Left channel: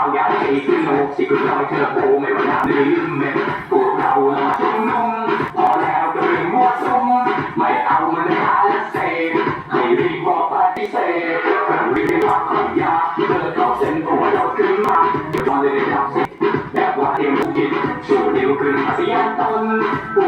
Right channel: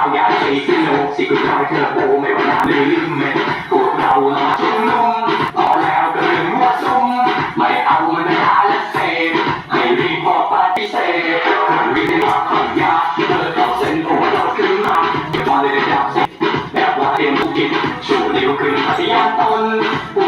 ากฝากให้เราอินกับชาลงไทยสักเกตที่เราอยากใช้สนุกสิคุณชอยเธอโบไม่ว่านลืมเม็ดพวกเรามาชุมนุ่มพอแล้วก็เรื่องมั่วซุ่มไม่เอามันไม่หาและเสพให้รีบบอกปฏิเสธเครื่งวิทยาของยาเลิกเอาเส้นผมเราขึ้นมาเดี๋ยวตอนเลยได้ดับสิแบบว่าเตรียมผู้กิจชูนิ้วขึ้นปฏิญาณตนพวก